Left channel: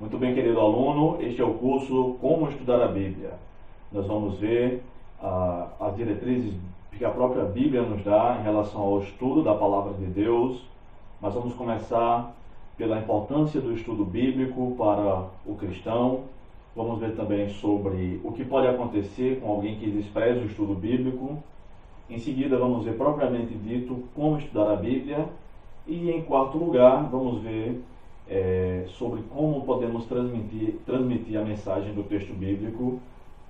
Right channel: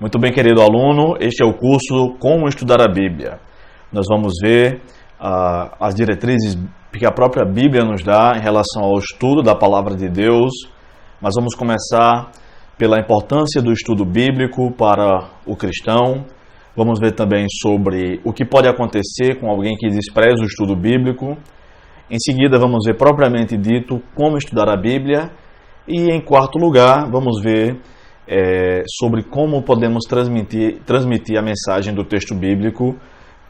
Muito bem, querido aluno, este é o curso Como Estudar a Bíblia. Nós vamos ver as diretrizes que a própria Bíblia nos dá em relação ao estudo da Palavra de Deus, mas vamos começar pela importância do estudo bíblico para o cristão. Vamos ver também sobre o que pode acontecer com alguém que despreza o estudo bíblico. Em seguida, vamos ver propriamente dito como estudar a Bíblia. E em quarto lugar, vamos ver sobre como podemos transmitir a mensagem do texto bíblico.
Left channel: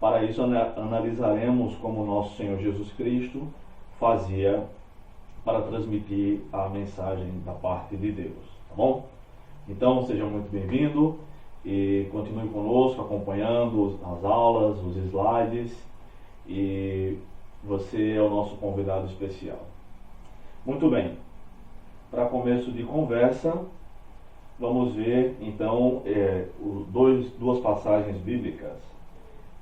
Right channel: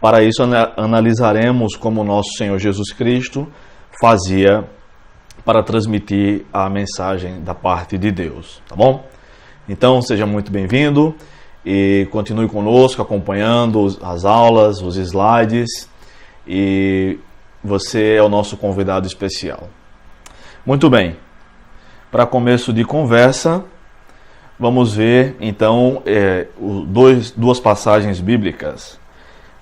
Para isso, analisaremos como nosso Senhor Jesus Cristo fazia para transmitir a mensagem da parte de Deus, tá bom? Então, seja muito bem-vindo e continue conosco acompanhando as aulas, os slides, e você é o nosso convidado especial. Muito bem, para começo de conversa, vamos ver então duas passagens bíblicas.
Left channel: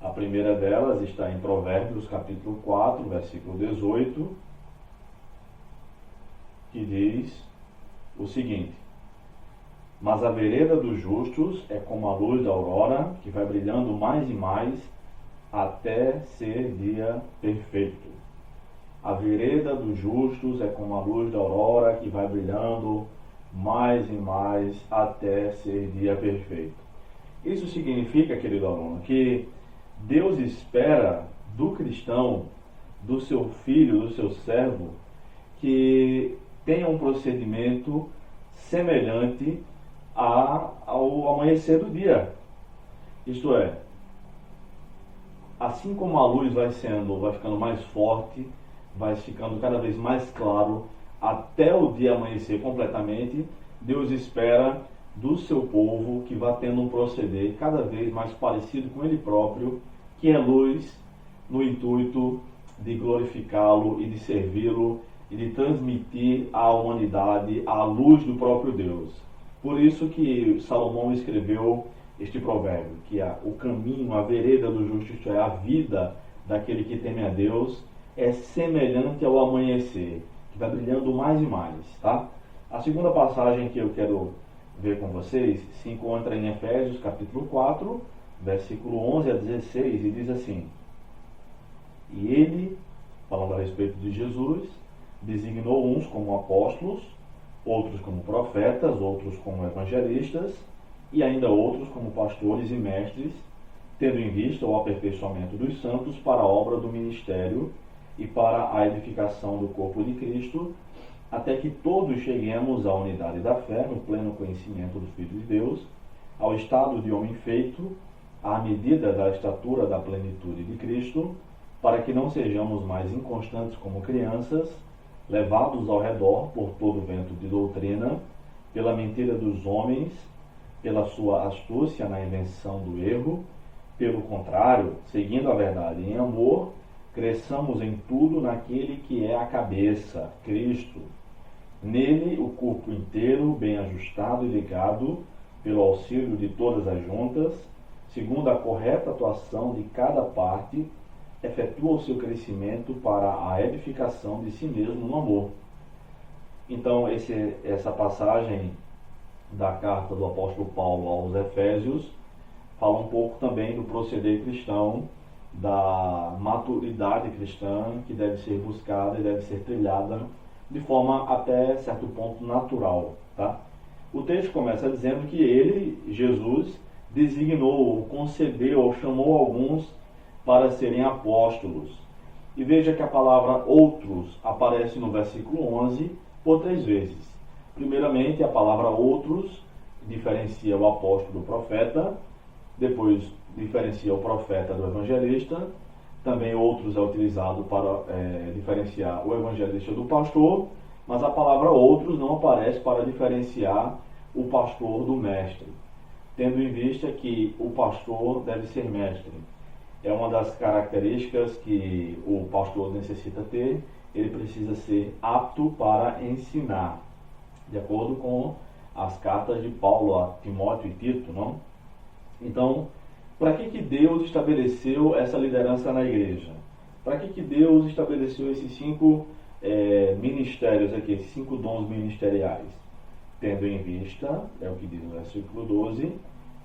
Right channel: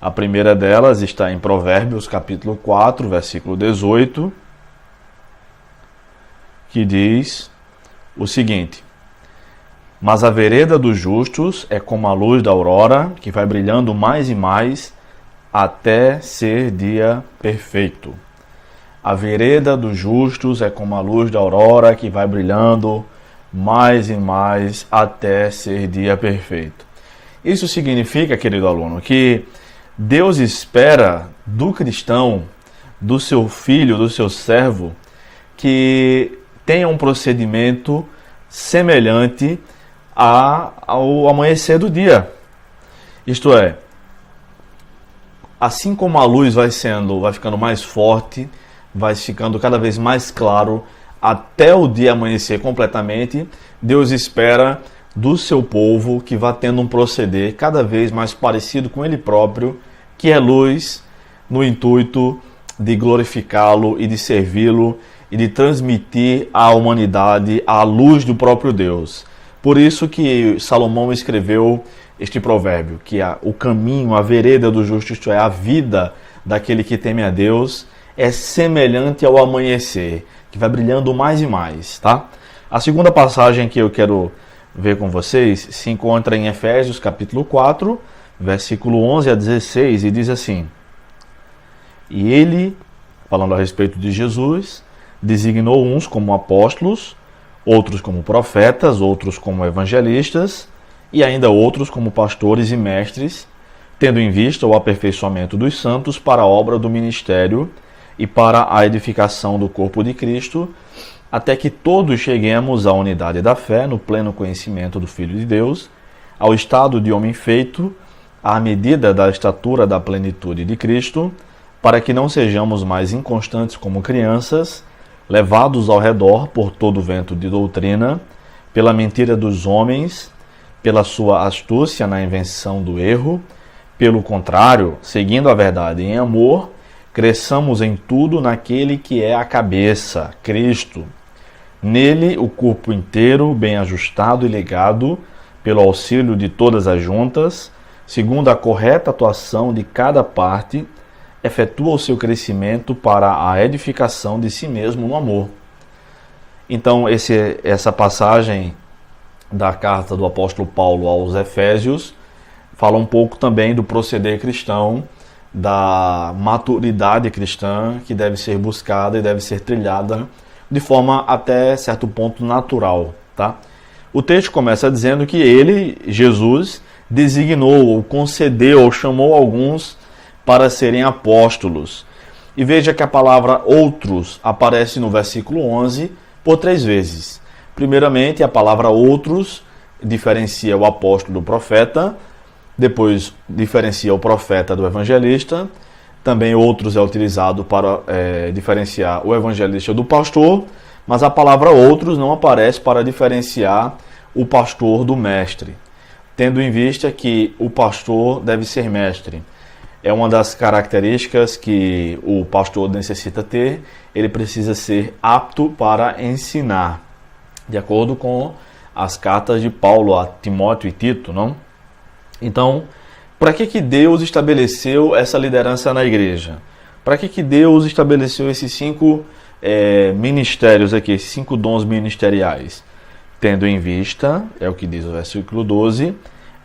A primeira delas está em Provérbios capítulo 4, versículo 18, que diz o seguinte: mas a vereda dos justos é como a luz da aurora, que vai brilhando mais e mais até ser dia perfeito. A vereda dos justos é como a luz da aurora, que vai brilhando mais e mais até ser dia perfeito. Isso significa, querido aluno, que Deus espera do cristão, do seu filho, do seu servo, que tenha um procedimento semelhante ao amanhecer do dia. Isto é, assim como a luz vai ficando mais forte, vai ficando cada vez mais claro até o dia amanhecer completamente, Deus espera do seu povo que vá tendo um proceder cada vez mais parecido com Ele próprio, que é luz, no intuito de glorificá-lo e de servi-lo e de transmitir à humanidade a luz do próprio Deus. Por isso que Salomão escreveu este provérbio, que o caminho, a vereda do justo, isto é, a vida daquele que teme a Deus, é semelhante ao amanhecer, que vai brilhando mais e mais, tá? A segunda passagem que eu quero ver com vocês se encontra em Efésios capítulo 4, versículo 11 a 16, e diz assim: e ele, falando a respeito de Jesus, designou uns como apóstolos, outros como profetas, outros como evangelistas, e ainda outros como pastores e mestres, tendo em vista o aperfeiçoamento dos santos para a obra do ministério e para a edificação do corpo de Cristo, até que todos cheguemos à unidade da fé, no pleno conhecimento do Filho de Deus, ao estado de homem feito, à medida da estatura da plenitude de Cristo, para que não sejamos mais inconstantes como crianças, levados ao redor por todo vento de doutrina, pela mentira dos homens, pela sua astúcia na invenção do erro. Pelo contrário, seguindo a verdade em amor, cresçamos em tudo naquele que é a cabeça, Cristo. Nele, o corpo inteiro, bem ajustado e ligado, pelo auxílio de todas as juntas, segundo a correta atuação de cada parte, efetua o seu crescimento para a edificação de si mesmo no amor. Então, essa passagem da carta do apóstolo Paulo aos Efésios fala um pouco também do proceder cristão, da maturidade cristã que deve ser buscada e deve ser trilhada de forma até certo ponto natural, tá? O texto começa dizendo que ele, Jesus, designou, ou concedeu, ou chamou alguns para serem apóstolos. E veja que a palavra outros aparece no versículo 11 por 3 vezes. Primeiramente, a palavra outros diferencia o apóstolo do profeta, depois diferencia o profeta do evangelista, também outros é utilizado para diferenciar o evangelista do pastor, mas a palavra outros não aparece para diferenciar o pastor do mestre, tendo em vista que o pastor deve ser mestre. É uma das características que o pastor necessita ter, ele precisa ser apto para ensinar, de acordo com as cartas de Paulo a Timóteo e Tito, não? Então, para que Deus estabeleceu essa liderança na igreja? Para que Deus estabeleceu esses 5 ministérios aqui, esses 5 dons ministeriais? Tendo em vista, é o que diz o versículo 12,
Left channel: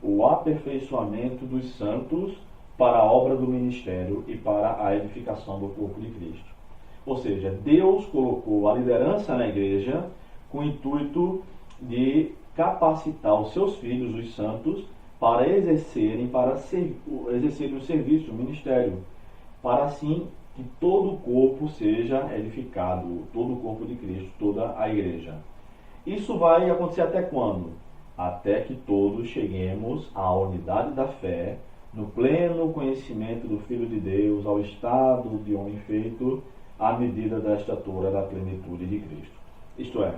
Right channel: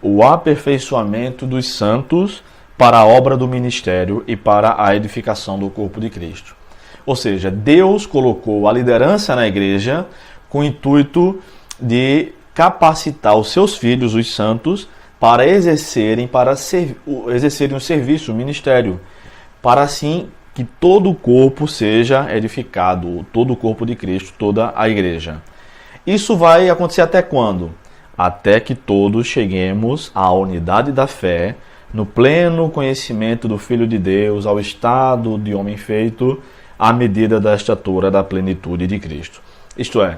o aperfeiçoamento dos santos para a obra do ministério e para a edificação do corpo de Cristo. Ou seja, Deus colocou a liderança na igreja com o intuito de capacitar os seus filhos, os santos, para exercerem o serviço, o ministério, para assim que todo o corpo seja edificado, todo o corpo de Cristo, toda a igreja. Isso vai acontecer até quando? Até que todos cheguemos à unidade da fé, no pleno conhecimento do Filho de Deus, ao estado de homem feito, à medida da estatura da plenitude de Cristo. Isto é,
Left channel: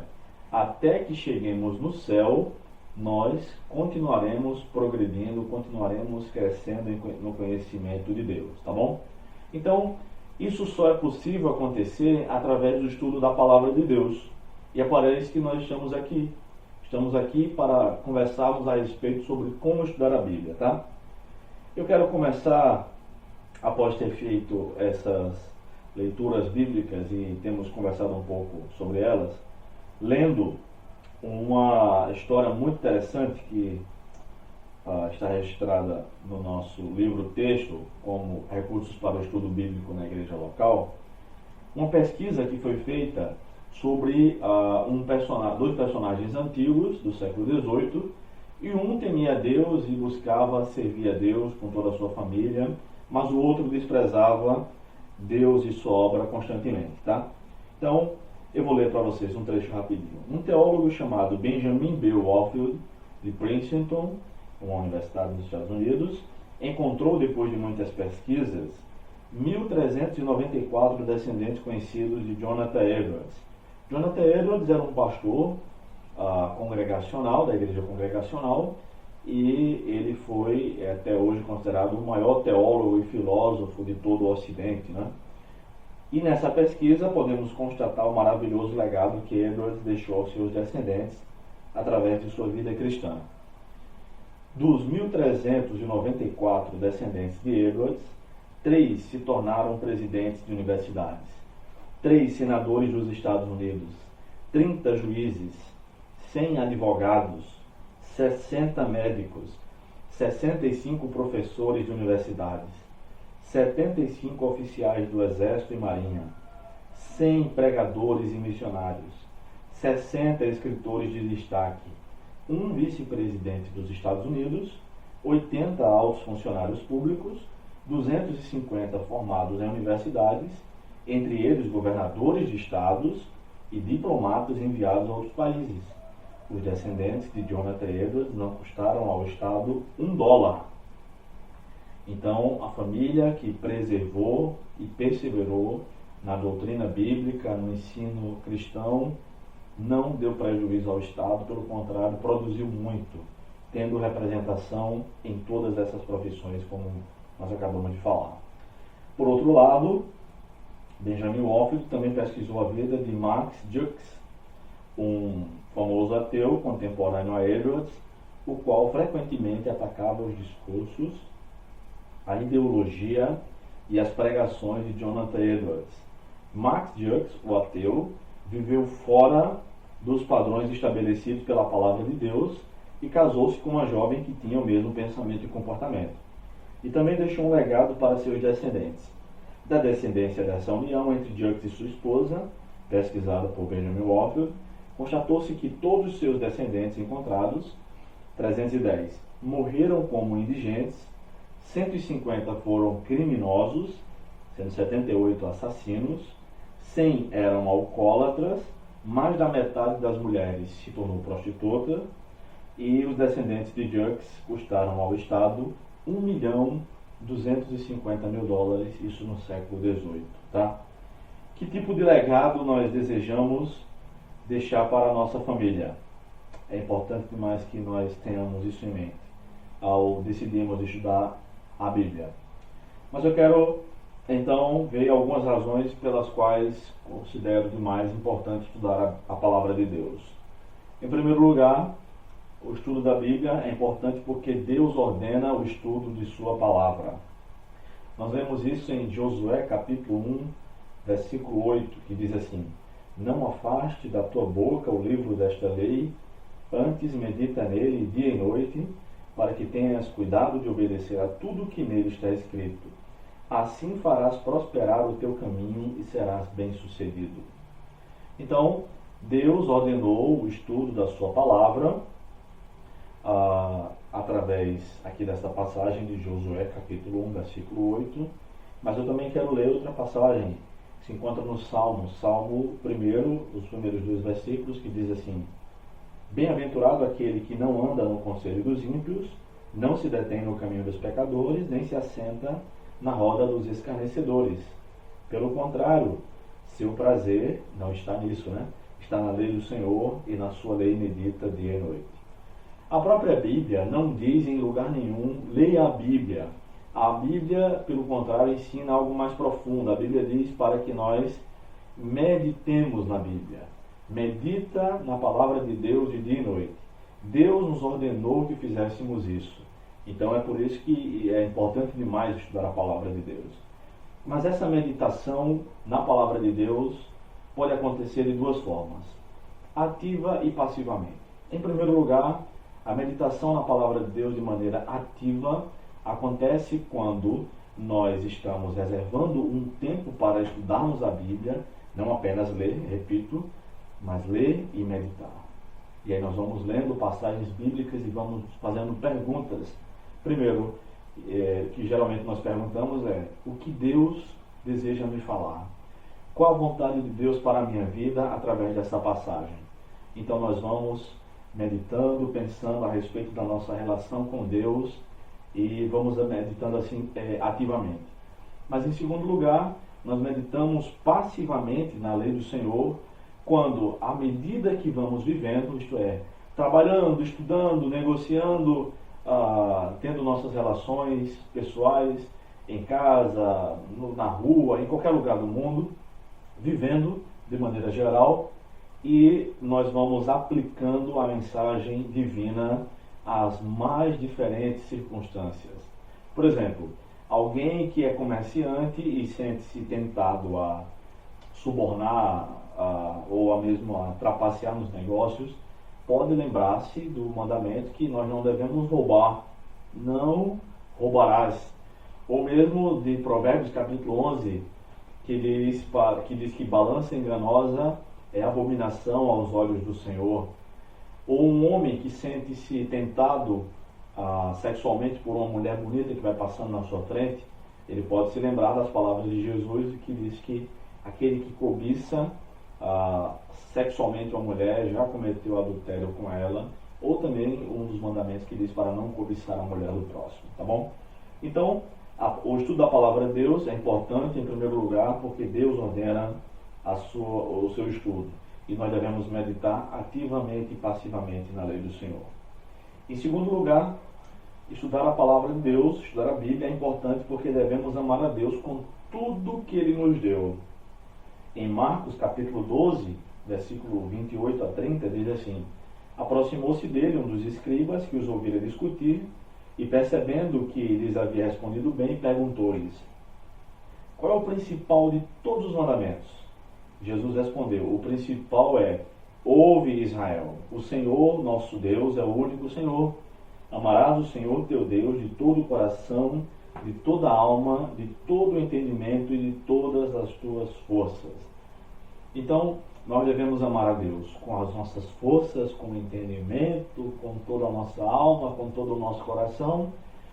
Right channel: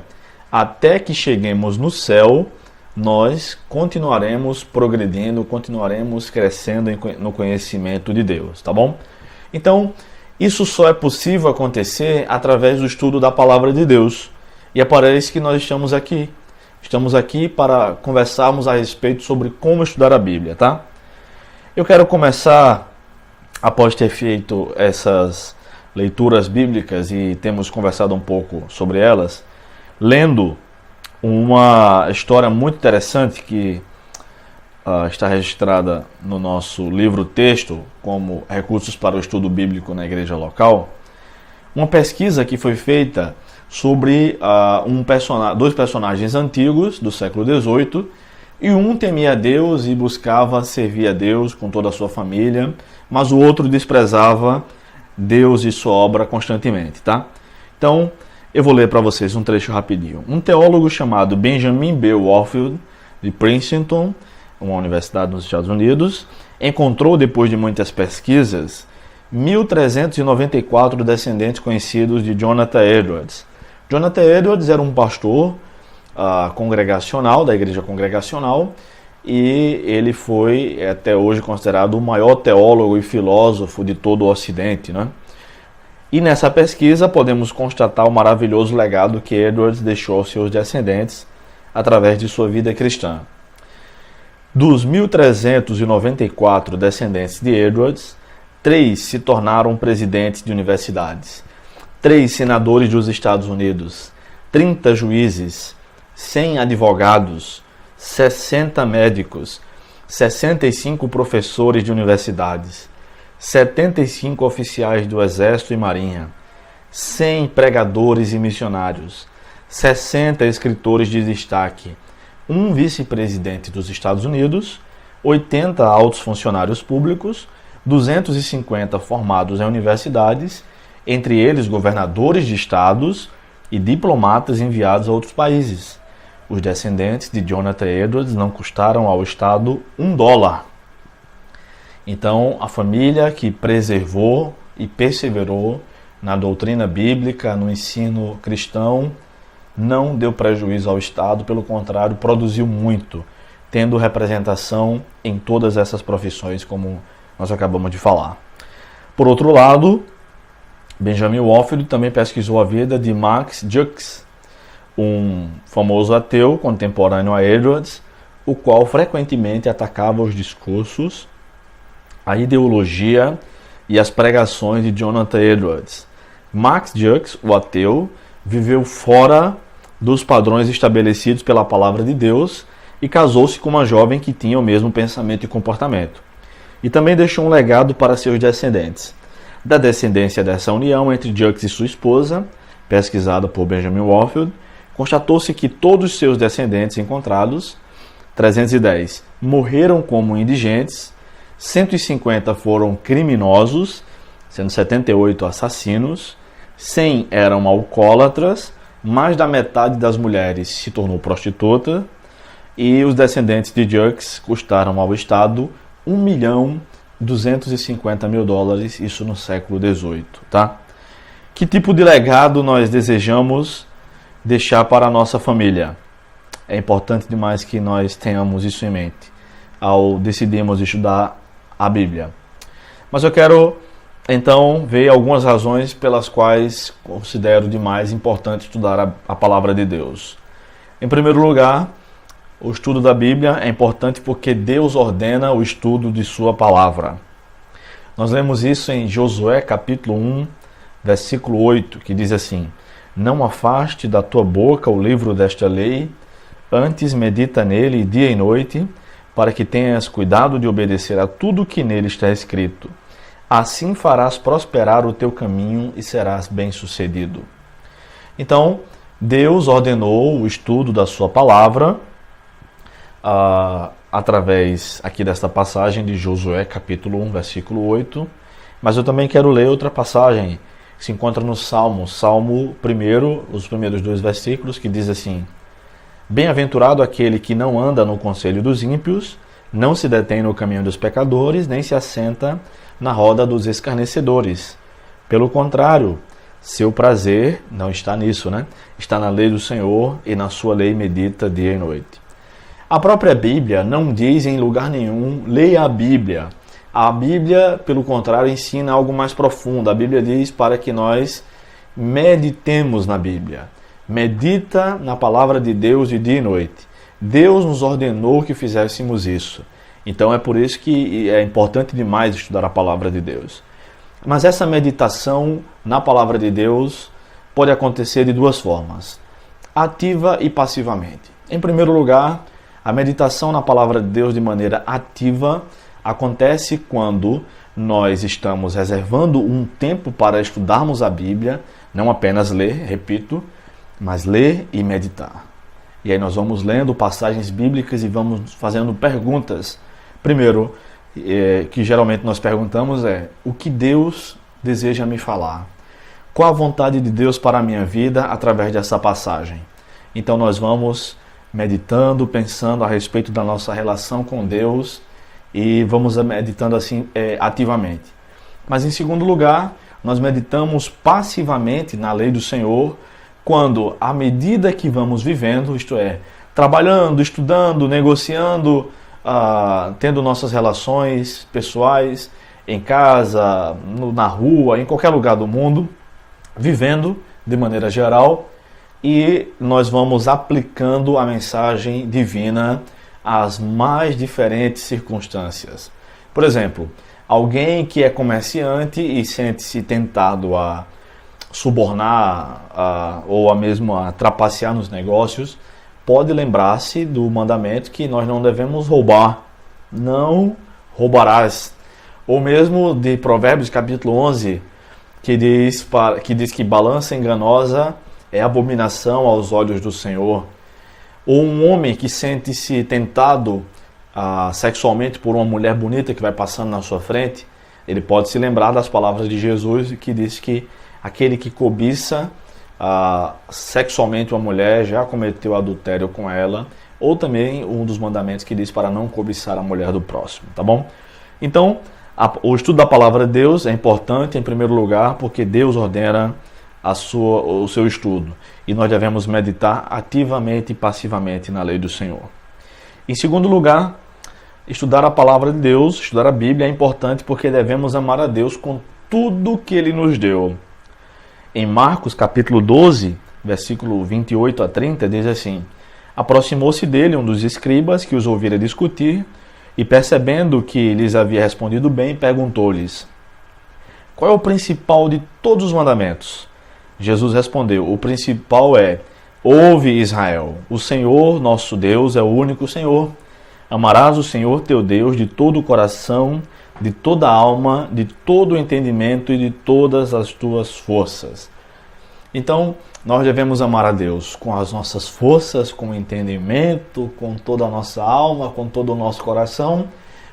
até que cheguemos no céu, nós continuaremos progredindo, continuaremos crescendo no conhecimento de Deus, tá bom? Então, isso só é possível acontecer através do estudo da palavra de Deus. E é para isso que nós estamos aqui. Estamos aqui para conversarmos a respeito sobre como estudar a Bíblia, tá? Eu quero começar, após ter feito essas leituras bíblicas e temos conversado um pouco sobre elas, lendo uma história muito interessante que está registrada no nosso livro-texto como Recursos para o Estudo Bíblico na Igreja Local. Uma pesquisa que foi feita sobre dois personagens antigos do século XVIII, e um temia a Deus e buscava servir a Deus com toda a sua família, mas o outro desprezava Deus e sua obra constantemente, tá? Então, eu vou ler para vocês um trecho rapidinho. Um teólogo chamado Benjamin B. Warfield, de Princeton, uma universidade nos Estados Unidos, encontrou, depois de muitas pesquisas, 1.394 descendentes conhecidos de Jonathan Edwards. Jonathan Edwards era um pastor congregacional, da igreja congregacional, e ele foi até hoje considerado o maior teólogo e filósofo de todo o Ocidente, né? E nessa pesquisa podemos constatar o maravilhoso legado que Edwards deixou aos seus descendentes através de sua vida cristã. Dos 1.394 descendentes de Edwards, 3 se tornaram presidentes de universidades, 3 senadores dos Estados Unidos, 30 juízes, 100 advogados, 60 médicos, 65 professores de universidades, 75 oficiais do Exército e Marinha, 100 pregadores e missionários, 60 escritores de destaque, um vice-presidente dos Estados Unidos, 80 altos funcionários públicos, 250 formados em universidades, entre eles governadores de estados e diplomatas enviados a outros países. Os descendentes de Jonathan Edwards não custaram ao Estado $1. Então, a família que preservou e perseverou na doutrina bíblica, no ensino cristão, não deu prejuízo ao Estado, pelo contrário, produziu muito, tendo representação em todas essas profissões, como nós acabamos de falar. Por outro lado, Benjamin Warfield também pesquisou a vida de Max Jukes, um famoso ateu contemporâneo a Edwards, o qual frequentemente atacava os discursos, a ideologia e as pregações de Jonathan Edwards. Max Jukes, o ateu, viveu fora dos padrões estabelecidos pela palavra de Deus e casou-se com uma jovem que tinha o mesmo pensamento e comportamento. E também deixou um legado para seus descendentes. Da descendência dessa união entre Jukes e sua esposa, pesquisada por Benjamin Warfield, constatou-se que todos os seus descendentes encontrados, 310, morreram como indigentes, 150 foram criminosos, sendo 78 assassinos, 100 eram alcoólatras, mais da metade das mulheres se tornou prostituta, e os descendentes de Jukes custaram ao Estado $1.250.000, isso no século XVIII, tá? Que tipo de legado nós desejamos deixar para a nossa família? É importante demais que nós tenhamos isso em mente ao decidirmos estudar a Bíblia. Mas eu quero então ver algumas razões pelas quais considero demais importante estudar a palavra de Deus. Em primeiro lugar, o estudo da Bíblia é importante porque Deus ordena o estudo de sua palavra. Nós lemos isso em Josué capítulo 1, versículo 8, que diz assim: Não afaste da tua boca o livro desta lei, antes medita nele dia e noite, para que tenhas cuidado de obedecer a tudo que nele está escrito. Assim farás prosperar o teu caminho e serás bem-sucedido. Então, Deus ordenou o estudo da sua palavra através aqui desta passagem de Josué, capítulo 1, versículo 8. Mas eu também quero ler outra passagem que se encontra no Salmo 1, os primeiros 2 versículos, que diz assim: Bem-aventurado aquele que não anda no conselho dos ímpios, não se detém no caminho dos pecadores, nem se assenta na roda dos escarnecedores. Pelo contrário, seu prazer não está nisso, né? Está na lei do Senhor e na sua lei medita dia e noite. A própria Bíblia não diz em lugar nenhum, leia a Bíblia. A Bíblia, pelo contrário, ensina algo mais profundo. A Bíblia diz para que nós meditemos na Bíblia. Medita na palavra de Deus de dia e noite. Deus nos ordenou que fizéssemos isso. Então é por isso que é importante demais estudar a palavra de Deus. Mas essa meditação na palavra de Deus pode acontecer de 2 formas: ativa e passivamente. Em primeiro lugar, a meditação na palavra de Deus de maneira ativa acontece quando nós estamos reservando um tempo para estudarmos a Bíblia, não apenas ler, repito, mas ler e meditar. E aí nós vamos lendo passagens bíblicas e vamos fazendo perguntas. Primeiro, que geralmente nós perguntamos é: o que Deus deseja me falar? Qual a vontade de Deus para a minha vida através dessa passagem? Então nós vamos meditando, pensando a respeito da nossa relação com Deus e vamos meditando assim ativamente. Mas em segundo lugar, nós meditamos passivamente na lei do Senhor quando, à medida que vamos vivendo, isto é, trabalhando, estudando, negociando, tendo nossas relações pessoais, em casa, na rua, em qualquer lugar do mundo, vivendo de maneira geral, e nós vamos aplicando a mensagem divina às mais diferentes circunstâncias. Por exemplo, alguém que é comerciante e sente-se tentado a subornar ou a mesmo a trapacear nos negócios, pode lembrar-se do mandamento que nós não devemos roubar. Não roubarás. Ou mesmo de Provérbios capítulo 11, que diz que balança enganosa é abominação aos olhos do Senhor. Ou um homem que sente-se tentado sexualmente por uma mulher bonita que vai passando na sua frente, ele pode se lembrar das palavras de Jesus que diz que aquele que cobiça sexualmente uma mulher já cometeu adultério com ela, ou também um dos mandamentos que diz para não cobiçar a mulher do próximo, tá bom? Então, o estudo da palavra de Deus é importante em primeiro lugar porque Deus ordena o seu estudo e nós devemos meditar ativamente e passivamente na lei do Senhor. Em segundo lugar, estudar a palavra de Deus, estudar a Bíblia é importante porque devemos amar a Deus com tudo que Ele nos deu. Em Marcos capítulo 12, versículo 28 a 30, diz assim: Aproximou-se dele um dos escribas que os ouvira discutir e, percebendo que lhes havia respondido bem, perguntou-lhes: Qual é o principal de todos os mandamentos? Jesus respondeu: O principal é: Ouve, Israel, o Senhor nosso Deus é o único Senhor. Amarás o Senhor teu Deus de todo o coração, de toda a alma, de todo o entendimento e de todas as tuas forças. Então, nós devemos amar a Deus com as nossas forças, com o entendimento, com toda a nossa alma, com todo o nosso coração,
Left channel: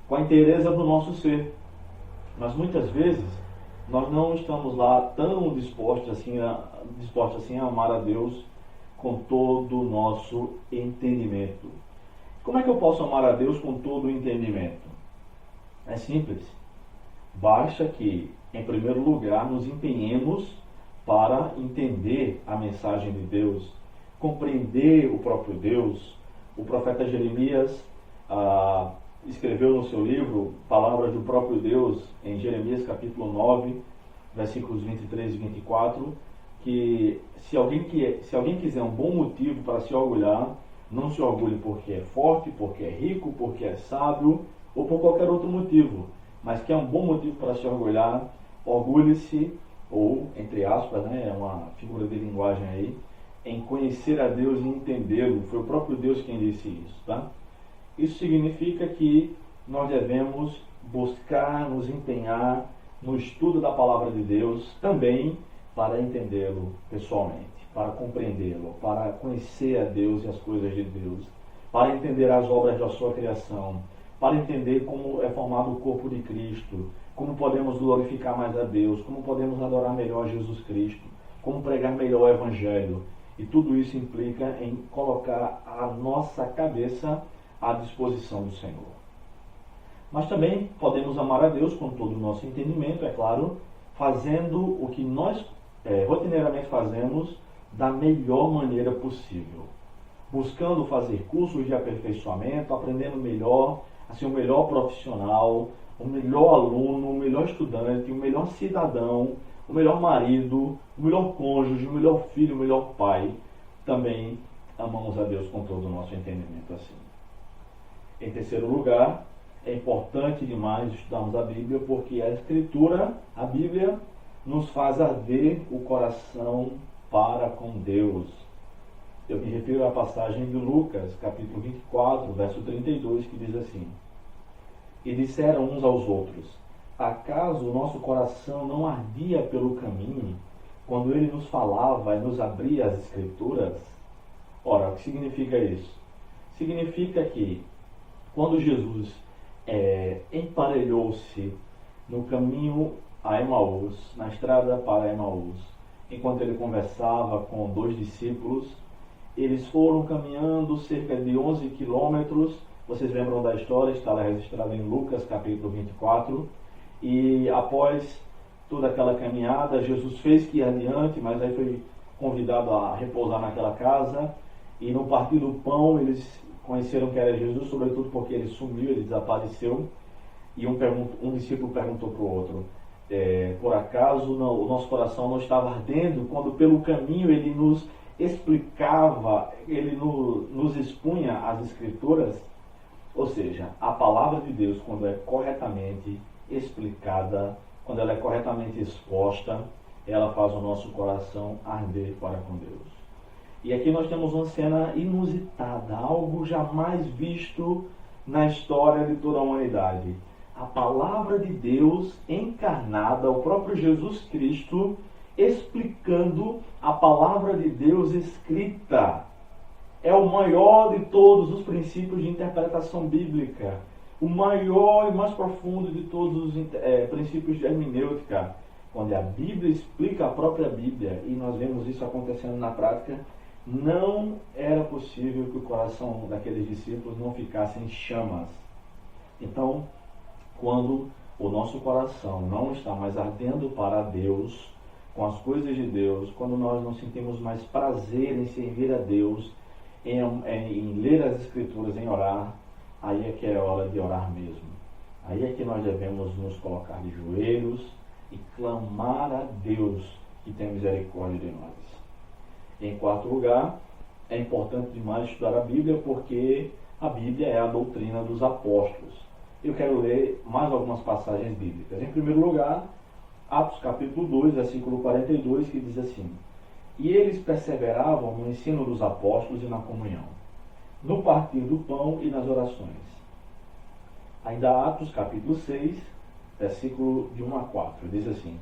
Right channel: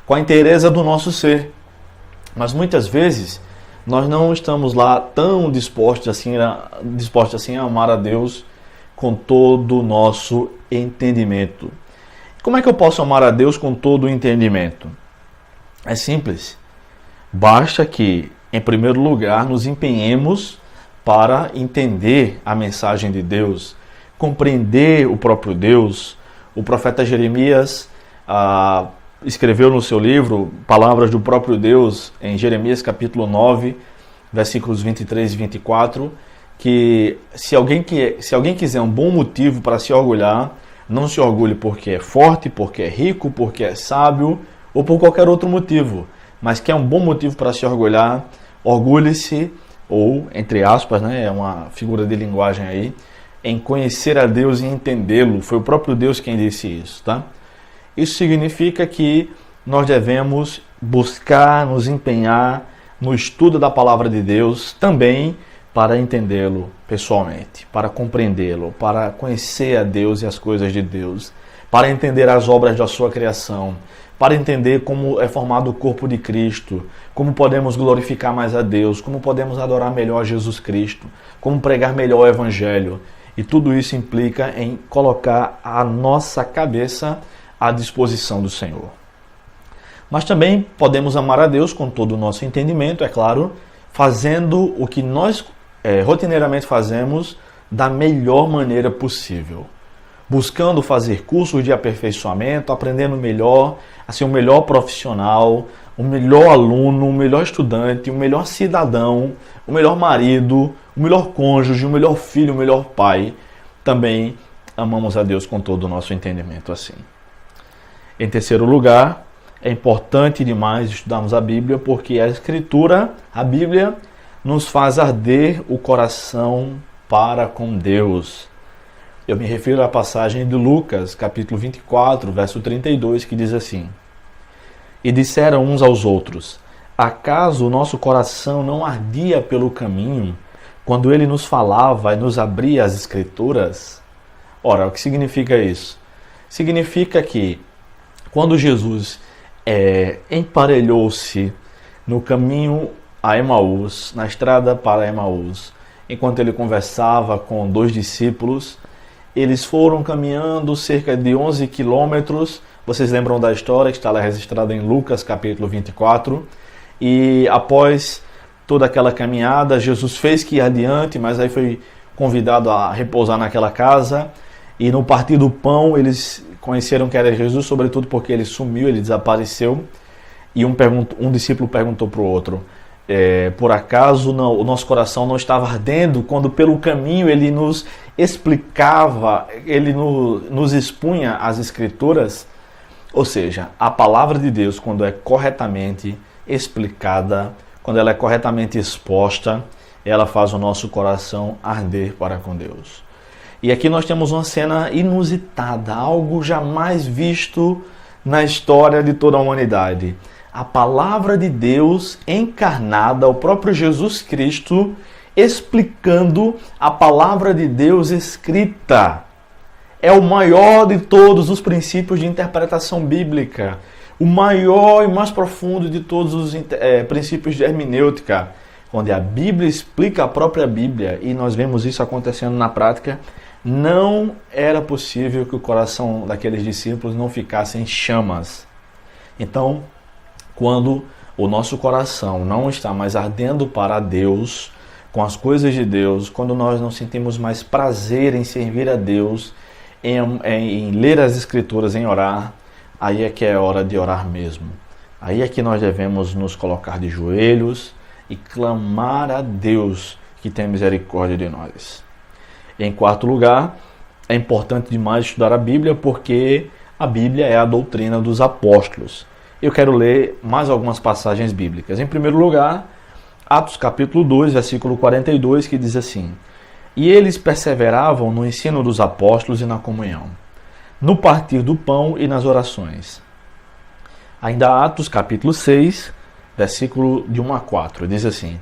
com a inteireza do nosso ser. Mas muitas vezes nós não estamos lá tão dispostos assim a amar a Deus com todo o nosso entendimento. Como é que eu posso amar a Deus com todo o entendimento? É simples. Basta que, em primeiro lugar, nos empenhemos para entender a mensagem de Deus, compreender o próprio Deus. O profeta Jeremias escreveu no seu livro palavras do próprio Deus em Jeremias capítulo 9, versículos 23 e 24, que se alguém quiser um bom motivo para se orgulhar, não se orgulhe porque é forte, porque é rico, porque é sábio ou por qualquer outro motivo, mas que é um bom motivo para se orgulhar, orgulhe-se, ou, entre aspas, né, é uma figura de linguagem aí, em conhecer a Deus e entendê-lo. Foi o próprio Deus quem disse isso, tá? Isso significa que nós devemos buscar, nos empenhar no estudo da palavra de Deus também para entendê-lo pessoalmente, para compreendê-lo, para conhecer a Deus e as coisas de Deus, para entender as obras da sua criação, para entender como é formado o corpo de Cristo, como podemos glorificar mais a Deus, como podemos adorar melhor Jesus Cristo, como pregar melhor o Evangelho. E tudo isso implica em colocar a nossa cabeça à disposição do Senhor. Mas também podemos amar a Deus com todo o nosso entendimento, é claro, fazendo o que nós rotineiramente fazemos da melhor maneira possível. Buscando fazer cursos de aperfeiçoamento, aprendendo melhor, a ser o melhor profissional, o melhor aluno, o melhor estudante, o melhor cidadão, o melhor marido, o melhor cônjuge, o melhor filho, o melhor pai. Também amamos a Deus com todo o nosso entendimento assim. Em terceiro lugar, é importante demais estudarmos a Bíblia, porque a Escritura, a Bíblia, nos faz arder o coração para com Deus. Eu me refiro à passagem de Lucas, capítulo 24, verso 32, que diz assim: E disseram uns aos outros: Acaso o nosso coração não ardia pelo caminho, quando ele nos falava e nos abria as Escrituras? Ora, o que significa isso? Significa que quando Jesus emparelhou-se no caminho a Emaús, na estrada para Emaús, enquanto ele conversava com 2 discípulos, eles foram caminhando cerca de 11 quilômetros. Vocês lembram da história que está lá registrada em Lucas, capítulo 24. E após toda aquela caminhada, Jesus fez que ir adiante, mas aí foi convidado a repousar naquela casa. E no partir do pão, eles conheceram que era Jesus, sobretudo porque ele sumiu, ele desapareceu. E um discípulo perguntou para o outro: por acaso o nosso coração não estava ardendo quando pelo caminho ele nos explicava, ele nos expunha as Escrituras? Ou seja, a palavra de Deus, quando é corretamente explicada, quando ela é corretamente exposta, ela faz o nosso coração arder para com Deus. E aqui nós temos uma cena inusitada, algo jamais visto na história de toda a humanidade. A palavra de Deus encarnada, o próprio Jesus Cristo, explicando a palavra de Deus escrita. É o maior de todos os princípios de interpretação bíblica, o maior e mais profundo de todos os princípios de hermenêutica, onde a Bíblia explica a própria Bíblia, e nós vemos isso acontecendo na prática. Não era possível que o coração daqueles discípulos não ficasse em chamas. Então, quando o nosso coração não está mais ardendo para Deus, com as coisas de Deus, quando nós não sentimos mais prazer em servir a Deus, em ler as Escrituras, em orar, aí é que é hora de orar mesmo. Aí é que nós devemos nos colocar de joelhos e clamar a Deus que tem misericórdia de nós. Em quarto lugar, é importante demais estudar a Bíblia, porque a Bíblia é a doutrina dos apóstolos. Eu quero ler mais algumas passagens bíblicas. Em primeiro lugar, Atos capítulo 2, versículo 42, que diz assim: E eles perseveravam no ensino dos apóstolos e na comunhão, no partir do pão e nas orações. Ainda Atos capítulo 6, versículo de 1 a 4, diz assim:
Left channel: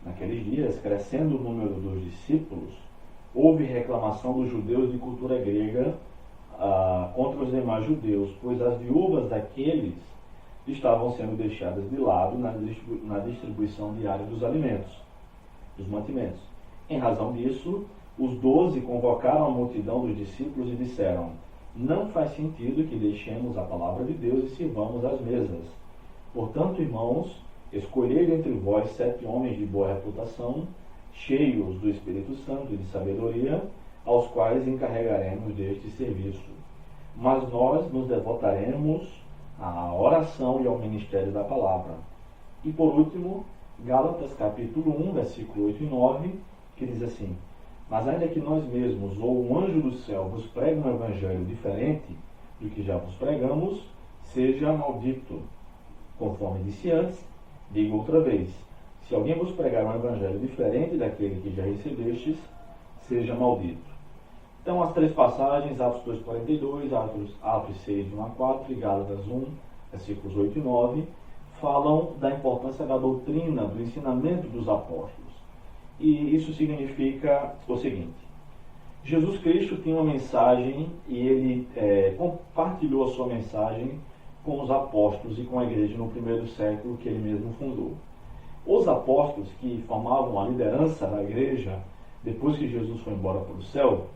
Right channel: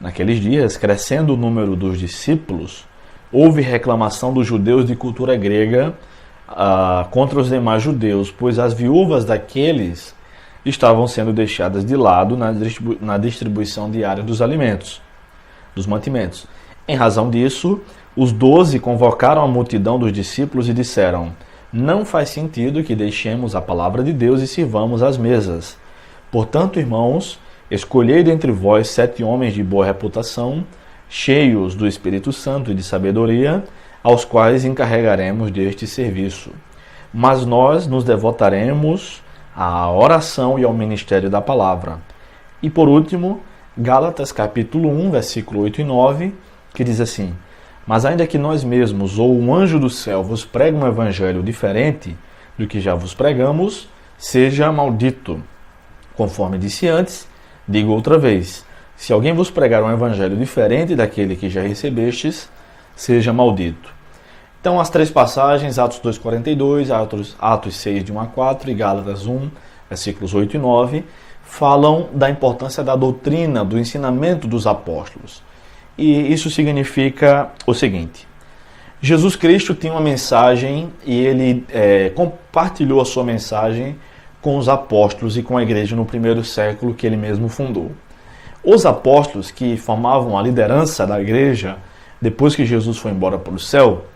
Naqueles dias, crescendo o número dos discípulos, houve reclamação dos judeus de cultura grega contra os demais judeus, pois as viúvas daqueles estavam sendo deixadas de lado na distribuição diária dos alimentos, dos mantimentos. Em razão disso, os 12 convocaram a multidão dos discípulos e disseram: Não faz sentido que deixemos a palavra de Deus e sirvamos às mesas. Portanto, irmãos, escolhei dentre vós 7 homens de boa reputação, cheios do Espírito Santo e de sabedoria, aos quais encarregaremos deste serviço. Mas nós nos devotaremos à oração e ao ministério da palavra. E por último, Gálatas capítulo 1, versículo 8 e 9, que diz assim: Mas ainda que nós mesmos ou um anjo do céu vos pregue um evangelho diferente do que já vos pregamos, seja maldito. Conforme disse antes, digo outra vez: se alguém vos pregar um evangelho diferente daquele que já recebestes, seja maldito. Então, as três passagens, Atos 2,42, Atos 6, de 1 a 4 e Gálatas 1, versículos 8 e 9, falam da importância da doutrina, do ensinamento dos apóstolos. E isso significa o seguinte: Jesus Cristo tinha uma mensagem e ele compartilhou a sua mensagem com os apóstolos e com a igreja no primeiro século que ele mesmo fundou. Os apóstolos, que formavam a liderança da igreja depois que Jesus foi embora para o céu,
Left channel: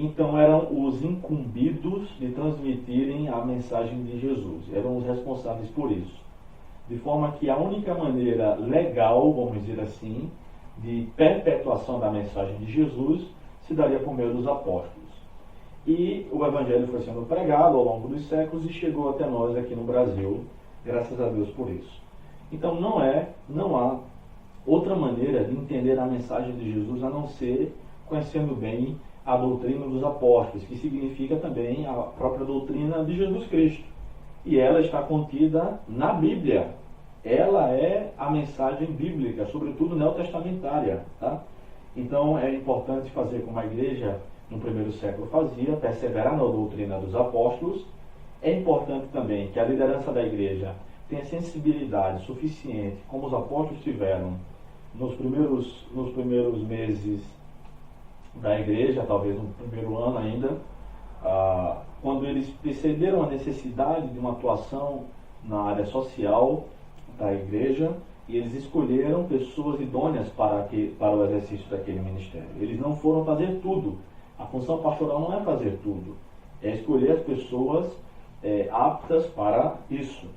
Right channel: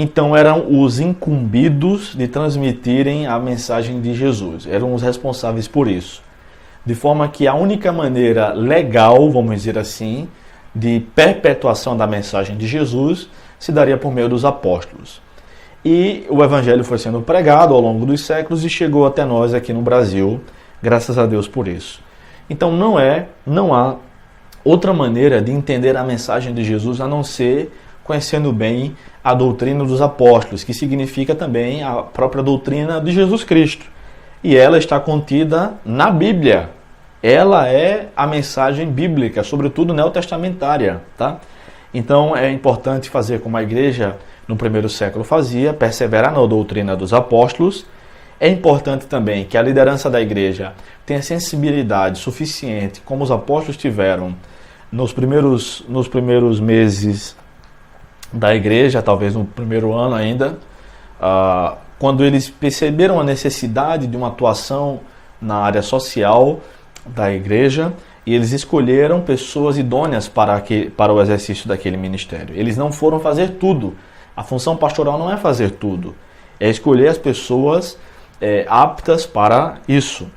então eram os incumbidos de transmitirem a mensagem de Jesus, eram os responsáveis por isso. De forma que a única maneira legal, vamos dizer assim, de perpetuação da mensagem de Jesus se daria por meio dos apóstolos. E o evangelho foi sendo pregado ao longo dos séculos e chegou até nós aqui no Brasil, graças a Deus por isso. Então não há outra maneira de entender a mensagem de Jesus a não ser conhecendo bem a doutrina dos apóstolos, que significa também a própria doutrina de Jesus Cristo. E ela está contida na Bíblia. Ela é a mensagem bíblica, sobretudo neotestamentária, tá? Então é importante fazer como a igreja no primeiro século fazia, perseverar na doutrina dos apóstolos. É importante também que a liderança da igreja tenha sensibilidade suficiente, como os apóstolos tiveram nos primeiros meses da igreja, talvez no primeiro ano ainda, quando eles perceberam a necessidade de uma atuação na área social da igreja, e eles escolheram pessoas idôneas para o exercício daquele ministério. Eles não foram fazer tudo. A função pastoral não é fazer tudo, é escolher as pessoas aptas para isso.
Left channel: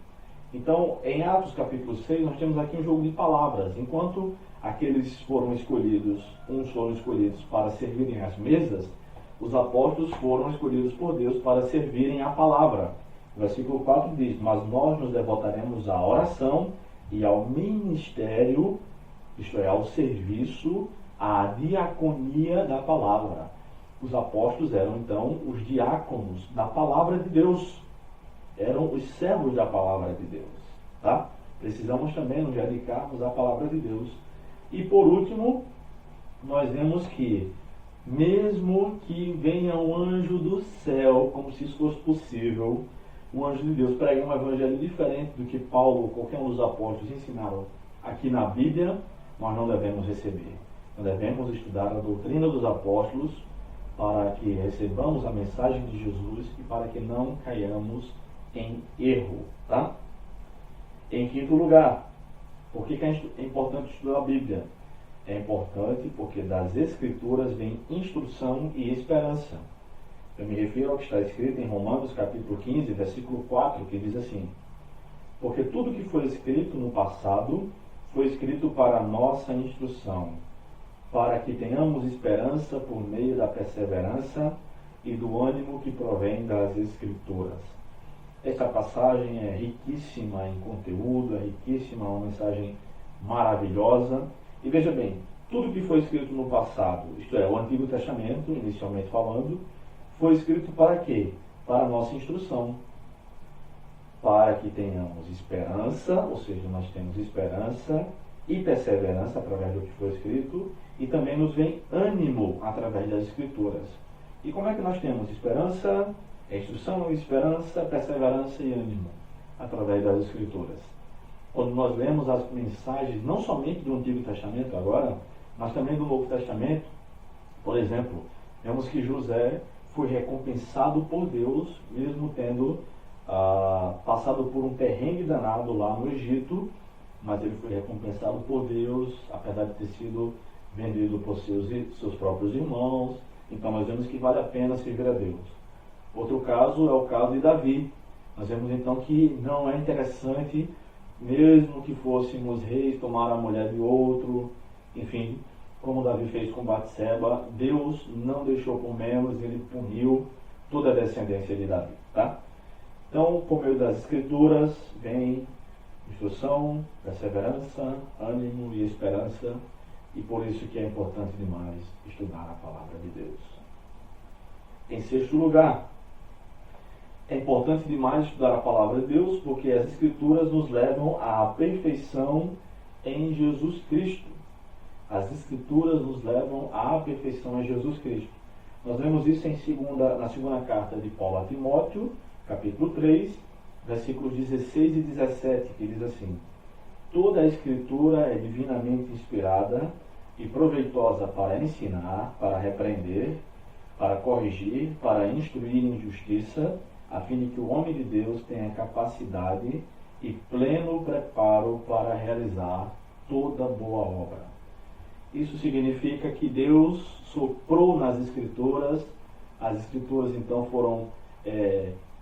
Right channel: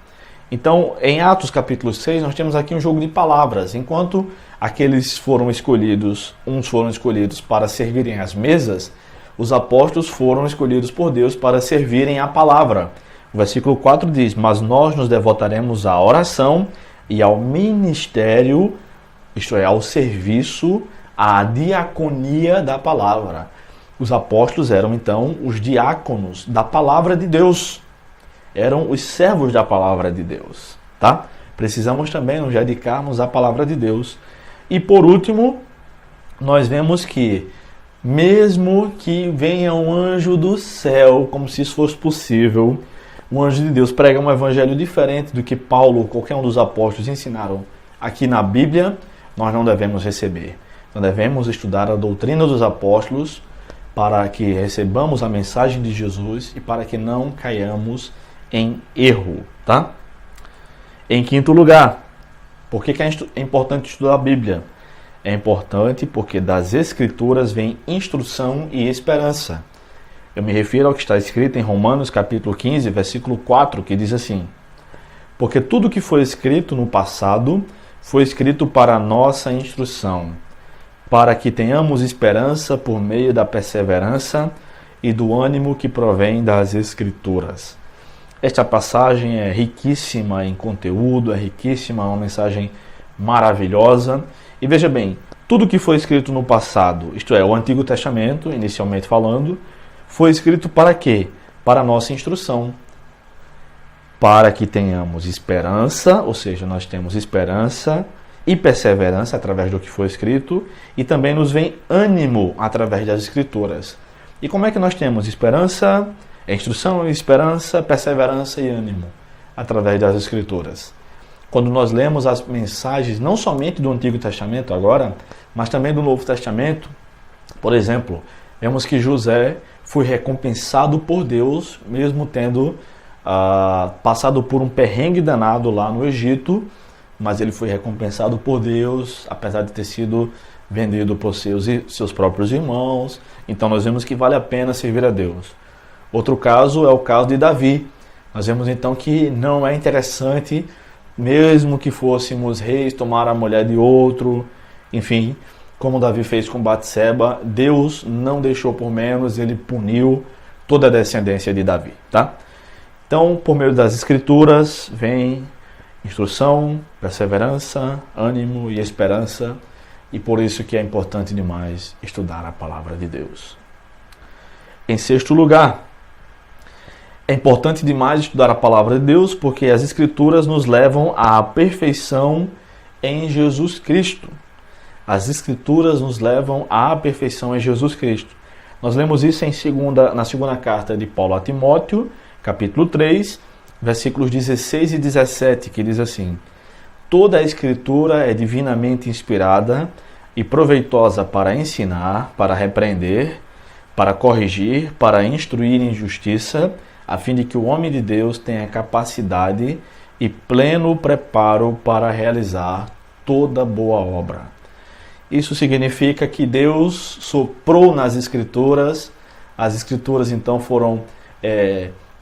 Então, em Atos capítulo 6, nós temos aqui um jogo de palavras. Enquanto aqueles foram escolhidos, uns foram escolhidos para servirem às mesas, os apóstolos foram escolhidos por Deus para servirem à palavra. O versículo 4 diz: mas nós nos devotaremos à oração e ao ministério, isto é, ao serviço, à diaconia da palavra. Os apóstolos eram, então, os diáconos da palavra de Deus. Eram os servos da palavra de Deus, tá? Precisamos também nos dedicarmos à palavra de Deus. E por último, nós vemos que, mesmo que venha um anjo do céu, como se isso fosse possível, o anjo de Deus prega um evangelho diferente do que Paulo ou qualquer um dos apóstolos ensinaram aqui na Bíblia, nós não devemos receber. Nós devemos estudar a doutrina dos apóstolos para que recebamos a mensagem de Jesus e para que não caiamos em erro, tá? Em quinto lugar, por que é importante estudar a Bíblia? É importante porque das Escrituras vem instrução e esperança. Eu me refiro ao que está escrito em Romanos capítulo 15, versículo 4, que diz assim: porque tudo que foi escrito no passado foi escrito para a nossa instrução, para que tenhamos esperança por meio da perseverança e do ânimo que provém das Escrituras. Esta passagem é riquíssima em conteúdo, é riquíssima, é uma mensagem maravilhosa. E veja bem, tudo que foi escrito no passado, isto é, o Antigo Testamento, inicialmente falando, foi escrito para quê? Para a nossa instrução. Para que tenhamos esperança, ou seja, nós temos esperança e perseverança através do que foi escrito, e também nos vem ânimo através das Escrituras. E como é que nós temos esperança, instrução, esperança, perseverança e ânimo? Através das Escrituras. Quando nós lemos as mensagens, não somente do Antigo Testamento agora, mas também do Novo Testamento, por exemplo, vemos que José foi recompensado por Deus, mesmo tendo passado por um perrengue danado lá no Egito, mas ele foi recompensado por Deus, apesar de ter sido vendido por seus próprios irmãos. Então nós vemos que vale a pena servir a Deus. Outro caso é o caso de Davi. Nós vemos então que não é interessante, mesmo que fôssemos reis, tomar a mulher de outro, enfim, como Davi fez com Batseba, Deus não deixou por menos, ele puniu toda a descendência de Davi, tá? Então, por meio das Escrituras, vem instrução, perseverança, ânimo e esperança, e por isso que é importante demais estudar a palavra de Deus. Em sexto lugar, é importante demais estudar a palavra de Deus porque as Escrituras nos levam à perfeição em Jesus Cristo. As Escrituras nos levam à perfeição em Jesus Cristo. Nós lemos isso na segunda carta de Paulo a Timóteo, capítulo 3, versículos 16 e 17, que diz assim: toda a Escritura é divinamente inspirada e proveitosa para ensinar, para repreender, para corrigir, para instruir em justiça, a fim de que o homem de Deus tenha capacidade e pleno preparo para realizar toda boa obra. Isso significa que Deus soprou nas Escrituras, as Escrituras então foram